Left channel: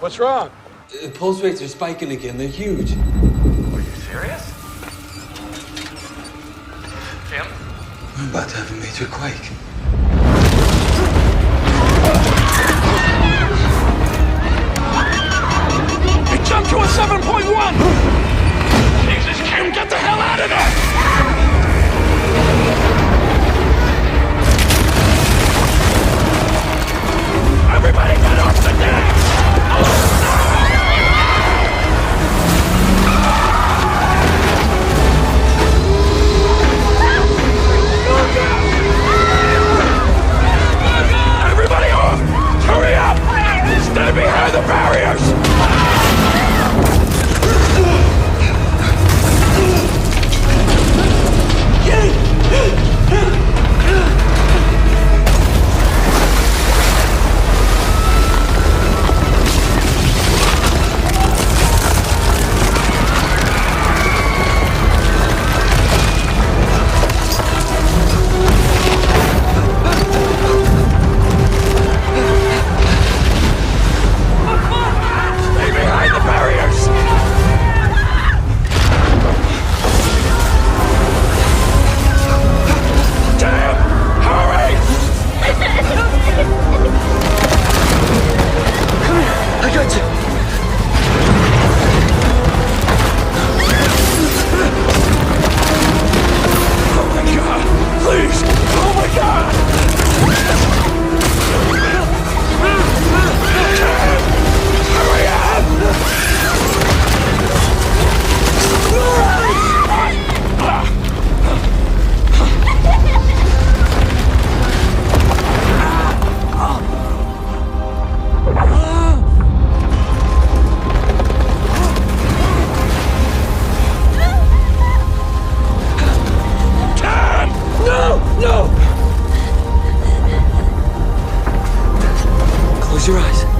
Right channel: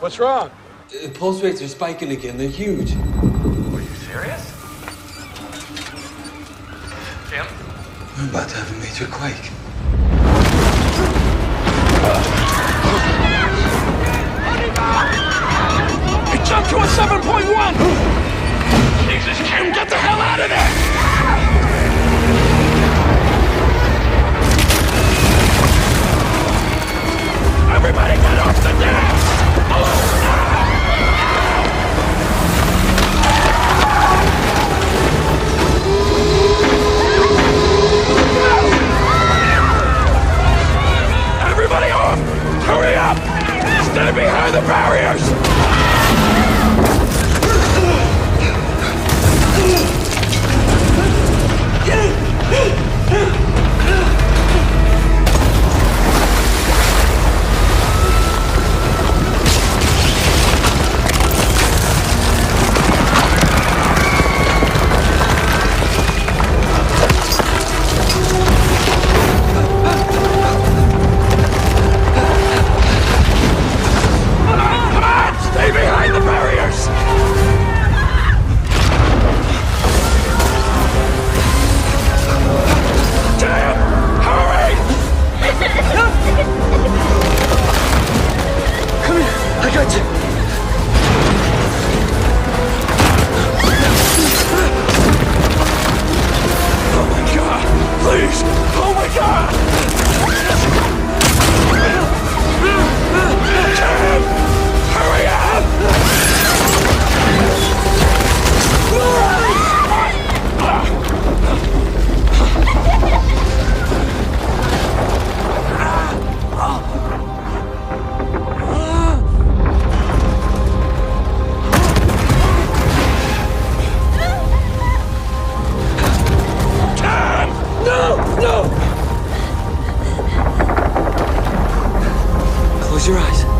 What's wrong? The pulse rates are spiking again. They're huge. Are you serious? Tim? I'm about to have a major quake. It jumped to a 7.1! Jesus, Kim, get the hell out of there! Everybody get off the deck! Everybody off! Hurry up! Stay behind the barriers! Stay behind the barriers! Damn! Hurry! Come here. I got you. Oh my god! Please! Oh my god! Tim! Hurry up! Tim! No! No! Close your eyes.